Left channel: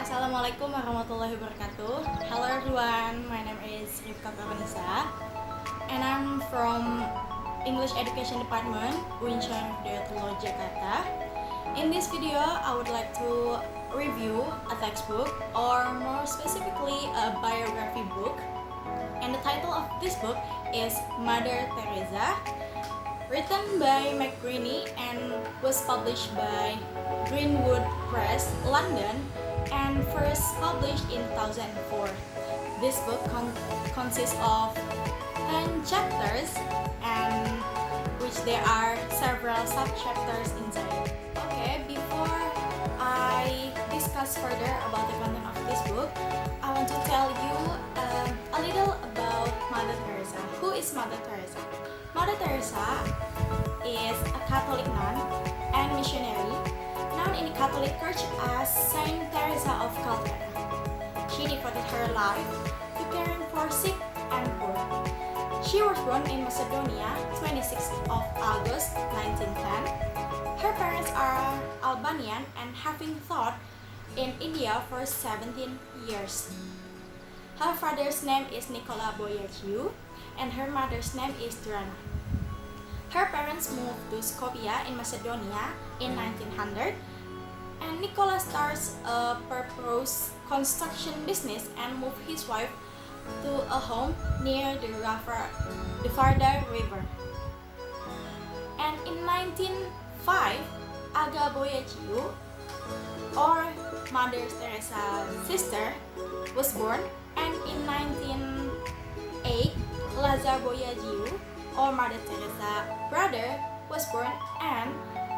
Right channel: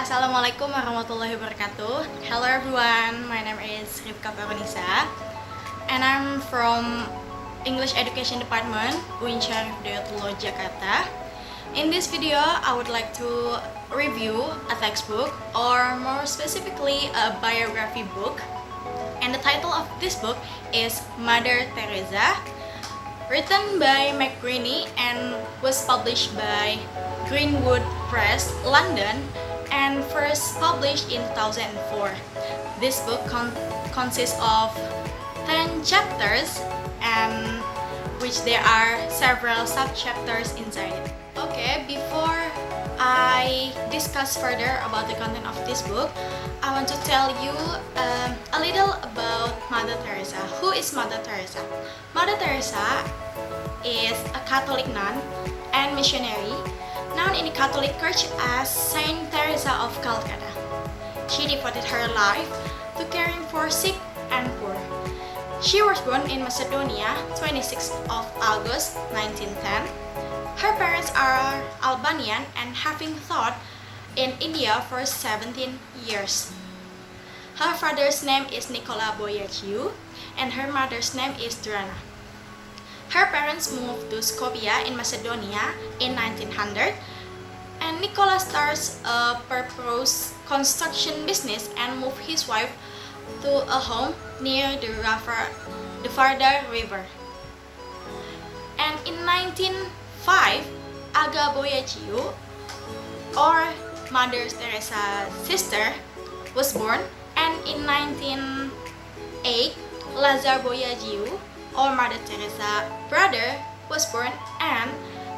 Assalamualaikum warahmatullahi wabarakatuh. Hello everyone, my name is Rifqa Fakhrunnisa and I'm from English Education Department, UIN Syarif Hidayatullah, Jakarta. In this video, I would like to review a textbook, or more specifically a biography book. And the title of this book is Mother Teresa, written by Greene and was published by Greenwood Press, London, and first published in 2004. This book consists of 10 chapters, and which there are several sub-chapters inside it. Okay, before I discuss further about the content of this book, I want to tell you a little about Mother Teresa. Who is Mother Teresa? Mother Teresa is a Catholic nun and missionary known in the Catholic Church as Saint Teresa of Calcutta. She devoted her life to caring for sick and poor. She was born in Macedonia, 26th of August 1910. Her parents are Albanian and having taught in India for 17 years. Her father's name is Nicola Boyaciu and her mother's name is Drana. Her parents moved to Skopje in Macedonia in 1900, and Nicola starts a purpose construction business and moved his wife to a home near the Vardar River. And in 1905, Aga Boyaciu, or Mother Teresa's sister, was born, and in 1908, Lazar Boyaciu, or Mother Teresa brother, was born, and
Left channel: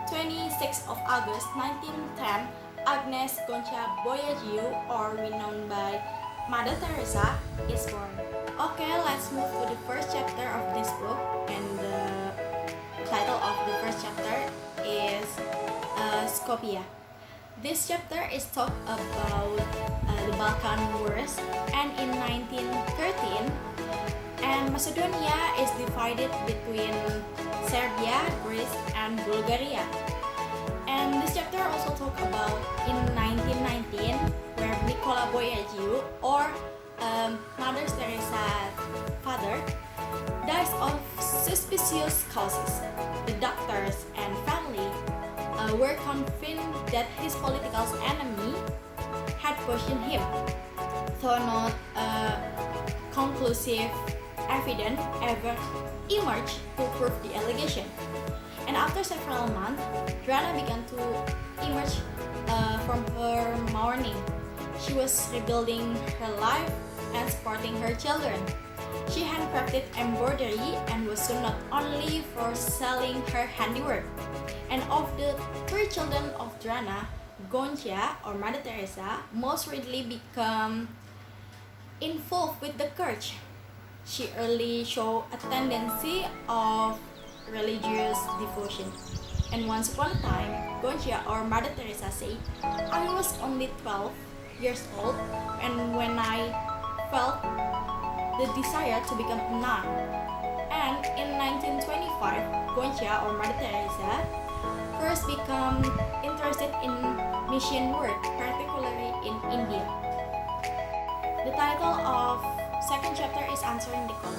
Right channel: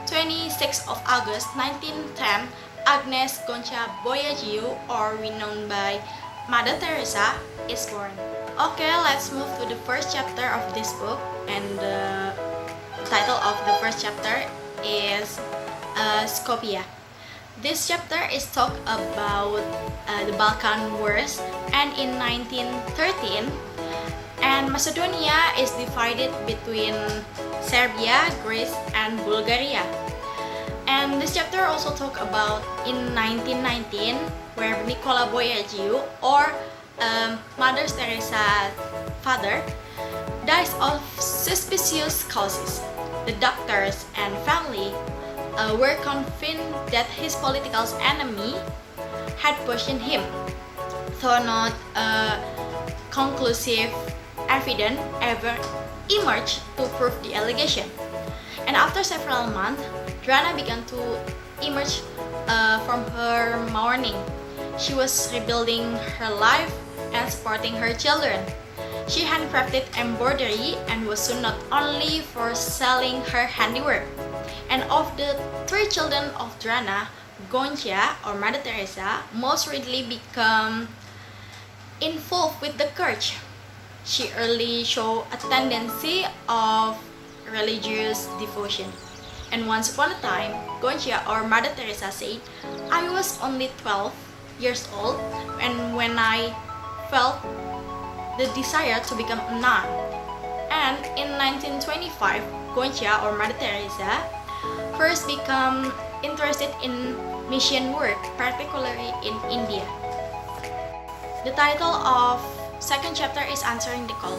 26th of August 1910, Agnes Gonca Boyaciu, or renowned by Mother Teresa, is born. Okay, let's move to the first chapter of this book, and the title of the first chapter is Skopje. This chapter is talk about the Balkan Wars, and in 1913, and Macedonia is divided between Serbia, Greece, and Bulgaria. And this chapter also talk about in 1919, where Nicola Boyaciu, or Mother Teresa's father, dies of suspicious causes. The doctors and family were convinced that his political enemy had poisoned him, though not conclusive evidence ever emerged to prove the allegation. And after several months, Drana began to emerge from her mourning. She was rebuilding her life and supporting her children. She handcrafted embroidery and was soon not only for selling her handiwork. And of the 3 children of Drana, Gonca, or Mother Teresa, most readily became involved with the church. She early showed a tendency of religious devotion. And once upon a time, Gonca, or Mother Teresa, said, "I was only 12 years old and when I felt the desire to become a nun." And in 1925, Gonca, or Mother Teresa, first became interested in mission work, particularly in India. The title of second chapter is Answering the Call.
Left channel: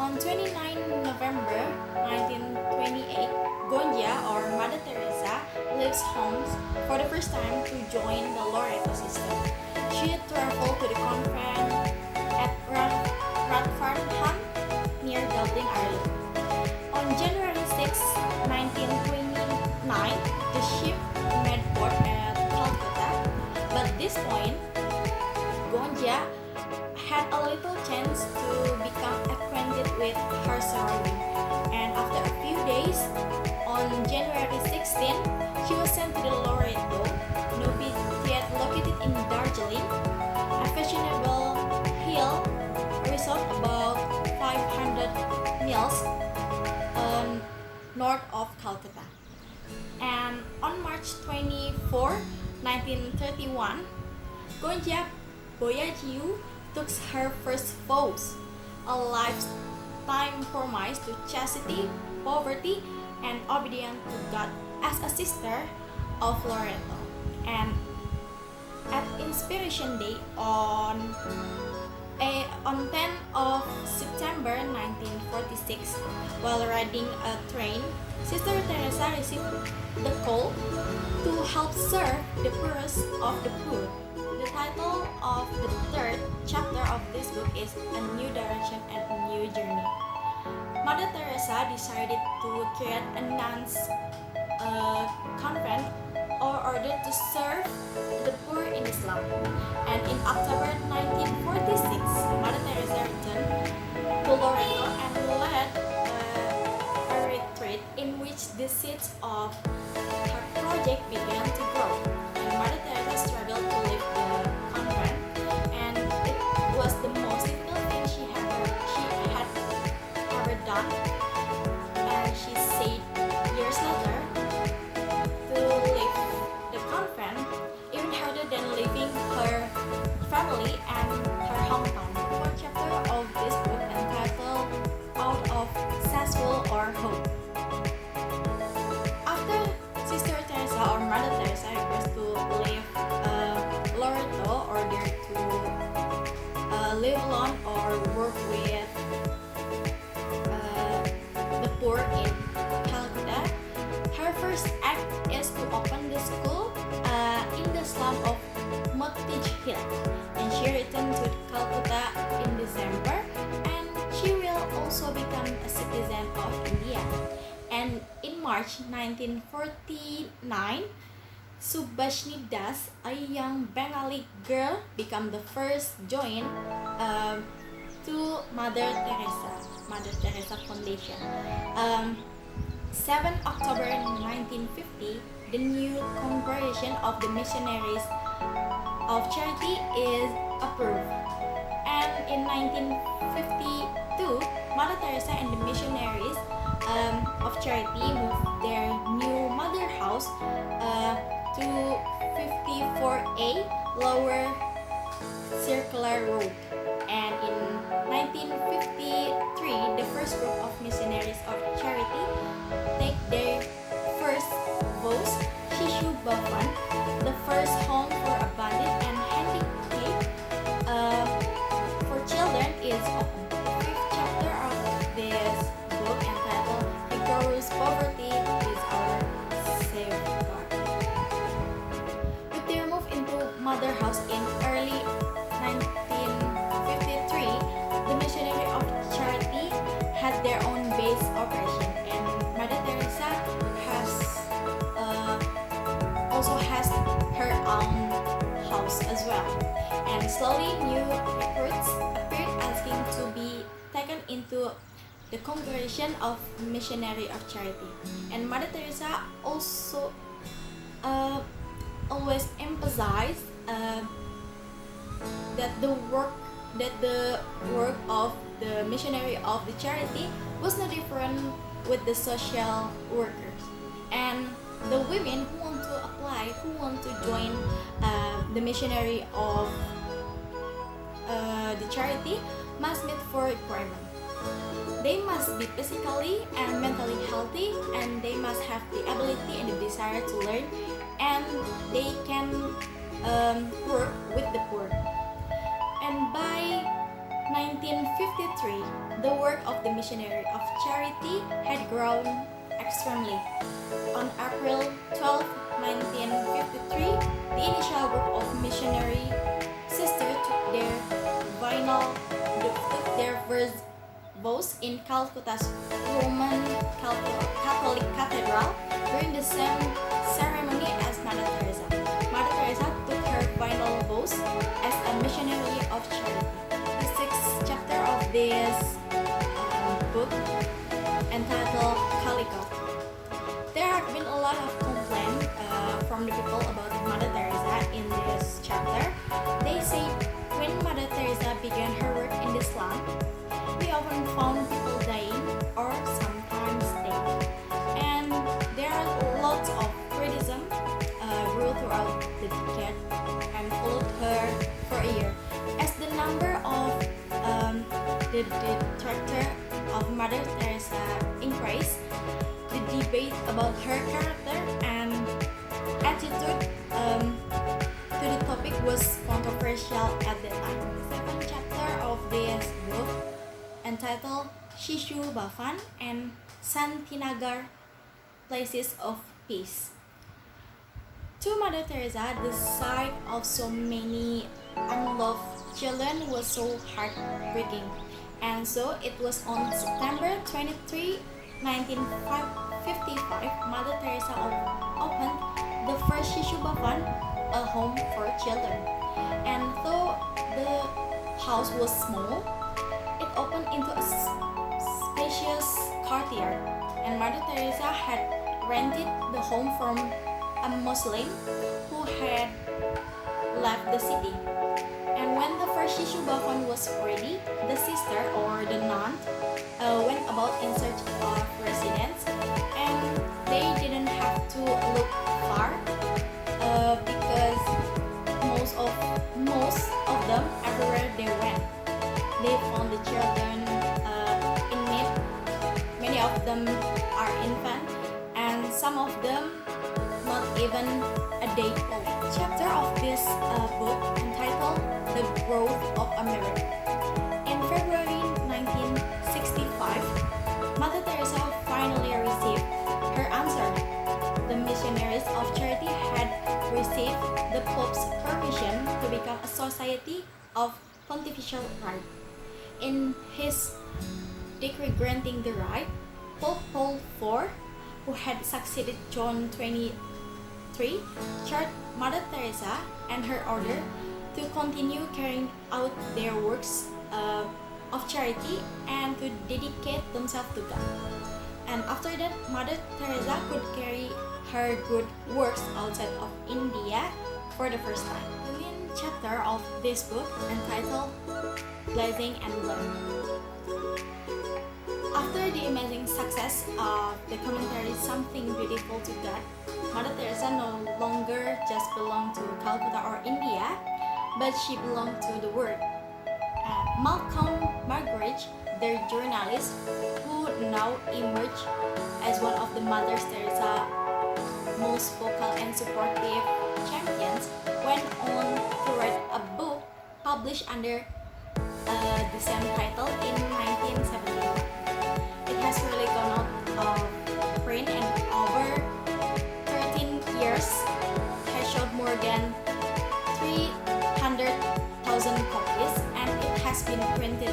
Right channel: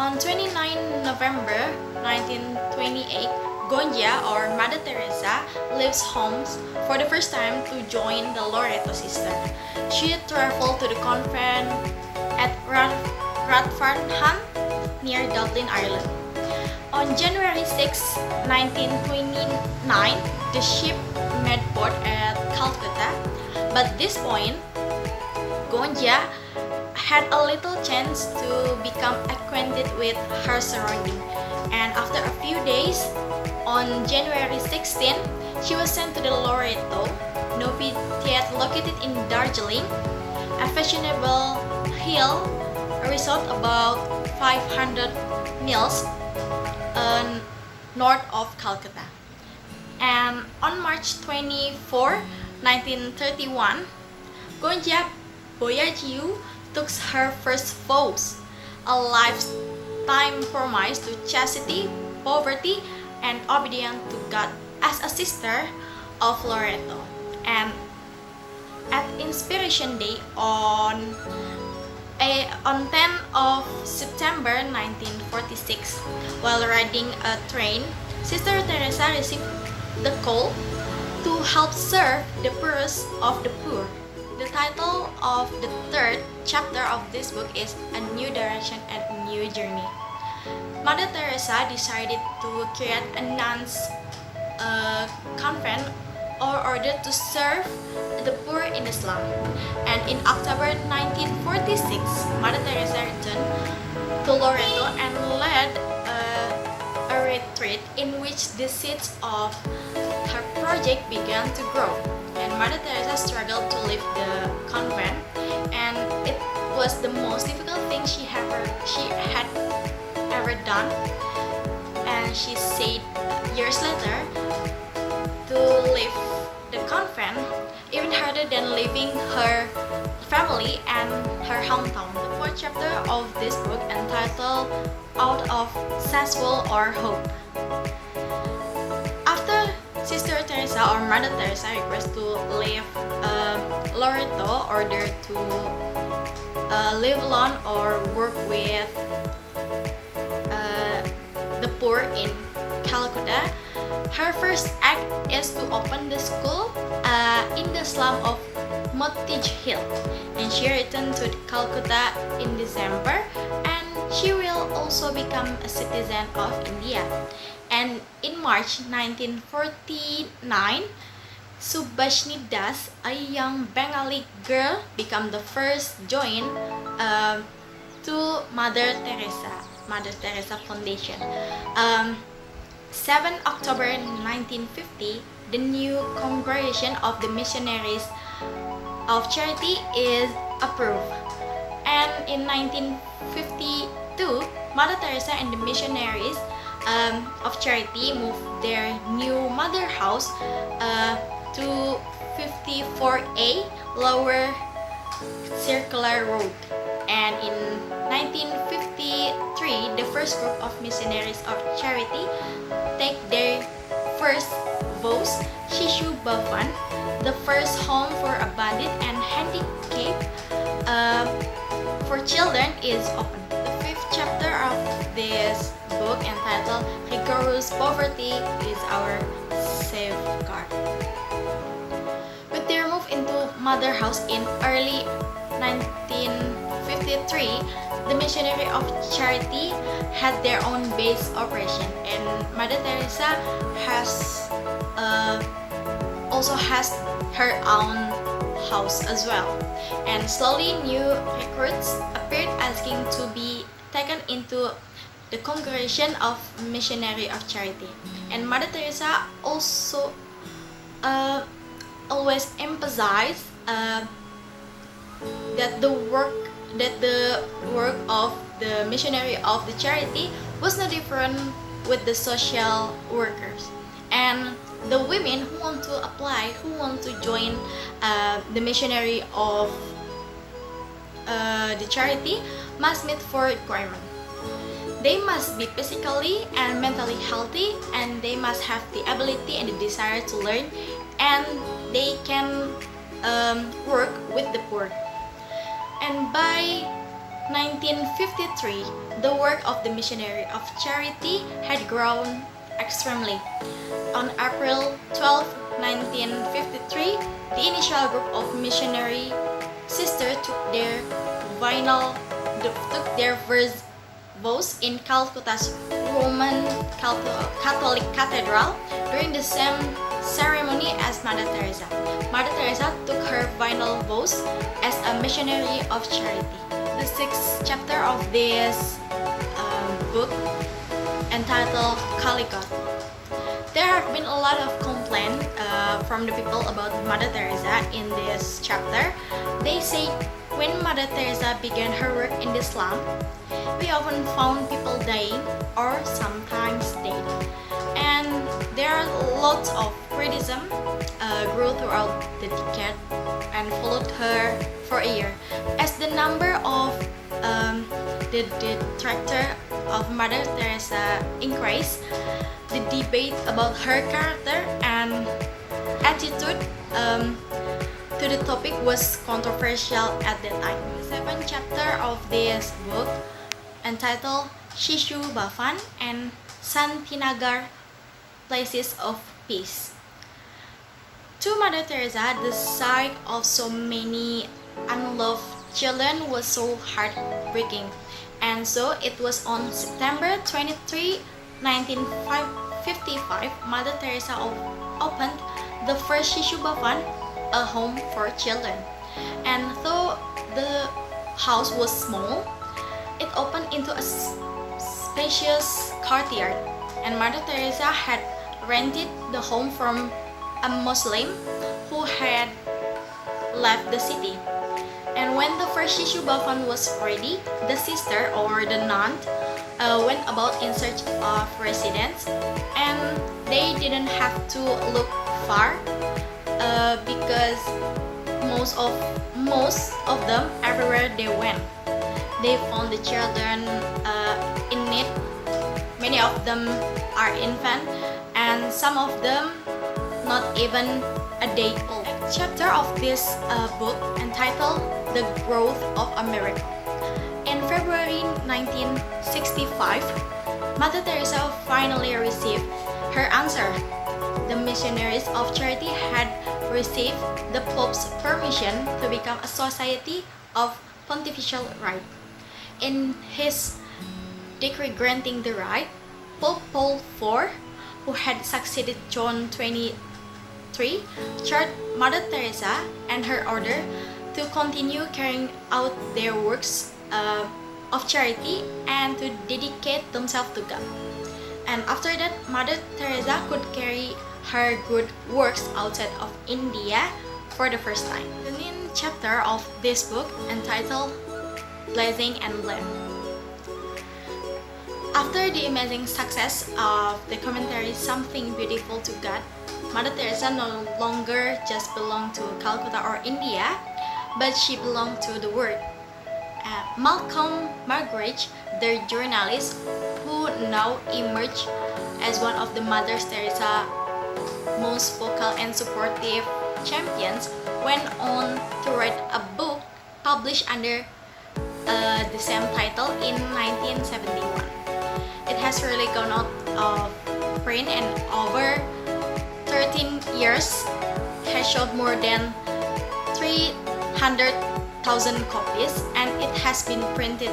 On 29 November 1928, Gonca, or Mother Teresa, leaves home for the first time to join the Loreto sister. She traveled to the convent at Radfarnham near Dublin, Ireland. On January 6, 1929, the ship made port at Calcutta. But at this point, Gonca had a little chance to become acquainted with her surroundings, and after a few days, on January 16, she was sent to the Loreto novitiate located in Darjeeling, a fashionable hill resort about 500 miles north of Calcutta. And on March 24, 1931, Gonca Boyaciu took her first vows, a lifetime promise to chastity, poverty, and obedience to God as a sister of Loreto. And At Inspiration Day on 10th of September 1946, while riding a train, Sister Teresa received the call to help serve the poorest of the poor. The title of the third chapter of this book is A New Direction and a New Journey. Mother Teresa decided to create a nuns convent or order to serve the poor in Islam. And in October 1946, Mother Teresa returned to Loreto and led a retreat in which the seeds of her project began to grow. And Mother Teresa struggled to leave the convent, and it was the most difficult thing she had ever done. And she said years later, to leave the convent even harder than leaving her family and her hometown. The fourth chapter of this book entitled Out of Successful or Hope. After Sister Teresa or Mother Teresa request to leave Loreto, order to live alone or work with the poor in Calcutta, her first act is to open the school in the slum of Mottage Hill, and she returned to Calcutta in December, and she will also become a citizen of India. And in March 1949, Subhashini Das, a young Bengali girl, became the first join to Mother Teresa Foundation. 7 October 1950, the new Congregation of the Missionaries of Charity is approved. And in 1952, Mother Teresa and the Missionaries of Charity moved their new mother house to 54A Lower Circular Road. And in 1953, the first group of missionaries of charity take their first vows. Shishu Bhavan, the first home for abandoned and handicapped for children, is open. The fifth chapter of this book, entitled Rigorous Poverty is Our Safeguard. With their move into Mother House in early 1953, the Missionary of Charity had their own base operation, and Mother Teresa also has her own house as well. And slowly new recruits appeared asking to be taken into the Congregation of Missionary of Charity. And Mother Teresa also always emphasized that the work of the missionary of the charity was no different with the social workers. And the women who want to apply, who want to join the missionary of the charity, must meet 4 requirements. They must be physically and mentally healthy, and they must have the ability and the desire to learn, and they can work with the poor. And by 1953, the work of the Missionary of Charity had grown extremely. On April 12, 1953, the initial group of missionary sisters took their first vows in Calcutta's Roman Catholic Cathedral during the same ceremony as Mother Teresa. Mother Teresa took her final vows as a missionary of charity. The 6th chapter of this book, entitled Calicut. There have been a lot of complaints from the people about Mother Teresa in this chapter. They say when Mother Teresa began her work in the slum, we often found people dying or sometimes dead. And there are lots of criticism grew throughout the decade and followed her for a year. As the number of the detractor of Mother Teresa increased, the debate about her character and attitude to to the topic was controversial at that time. The seventh chapter of this book entitled Shishu Bhavan and Santinagar Places of Peace. To Mother Teresa, the sight of so many unloved children was so heartbreaking, and so it was on September 23, 1955, Mother Teresa opened the first Shishu Bhavan, a home for children. And though the house was small, it opened into a spacious courtyard, and Mother Teresa had rented the home from a Muslim who had left the city. And when the first Shishu Bhavan was ready, the sister or the nun went about in search of residents, and they didn't have to look far because most of them, everywhere they went, they found the children in need. Many of them are infant, and some of them not even a day old. Chapter of this book entitled The Growth of America. In February 1965, Mother Teresa finally received her answer. The missionaries of charity had received the Pope's permission to become a society of pontifical right. In his decree granting the right, Pope Paul IV, who had succeeded John XXIII, charged Mother Teresa and her order to continue carrying out their works of charity and to dedicate themselves to God. And after that, Mother Teresa could carry her good works outside of India for the first time. The main chapter of this book entitled Blessing and Blame. After the amazing success of the commentary Something Beautiful to God, Mother Teresa no longer just belonged to Calcutta or India, but she belonged to the world. Malcolm Muggeridge, the journalist who now emerged as one of the Mother Teresa most vocal and supportive champions, went on to write a book published under the same title in 1971. It has really gone out of print, and over 13 years has sold more than 300,000 copies, and it has been printed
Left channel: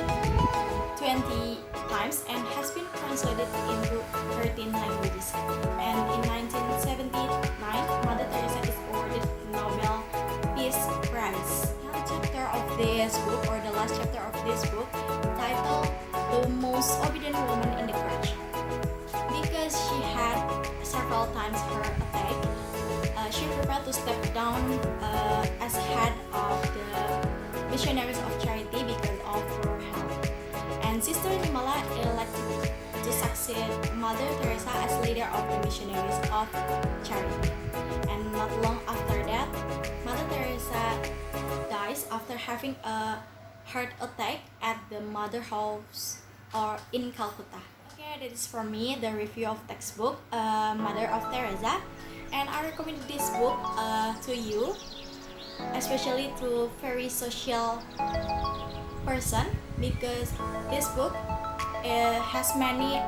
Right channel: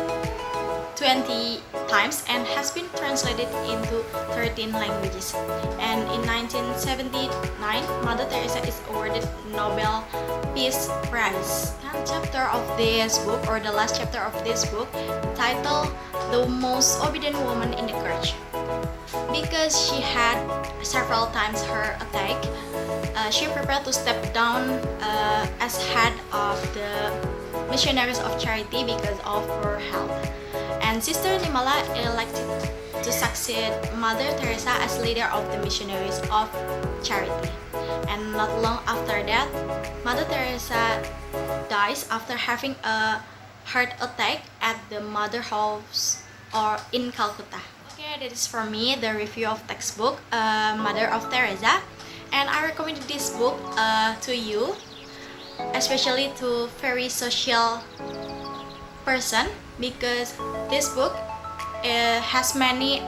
20 times and has been translated into 13 languages. And in 1979, Mother Teresa is awarded Nobel Peace Prize. The chapter of this book, or the last chapter of this book, titled The Most Obedient Woman in the Church. Because she had several times her attack, she prepared to step down as head of the missionaries of charity because of her health. And Sister Nimala elected to succeed Mother Teresa as leader of the missionaries of charity. And not long after that, Mother Teresa dies after having a heart attack at the Mother House or in Calcutta. Okay, that is for me the review of textbook Mother of Teresa, and I recommend this book to you, especially to very social person, because this book has many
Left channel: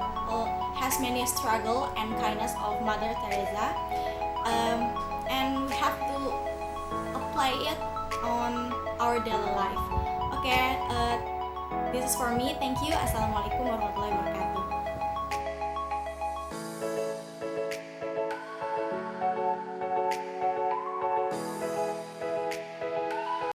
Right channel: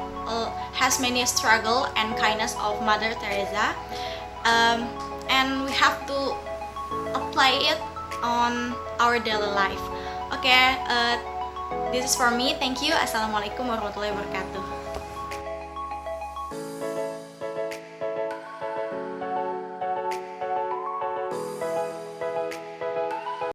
struggle and kindness of Mother Teresa, and we have to apply it on our daily life. Okay, this is for me. Thank you. Assalamualaikum warahmatullahi wabarakatuh.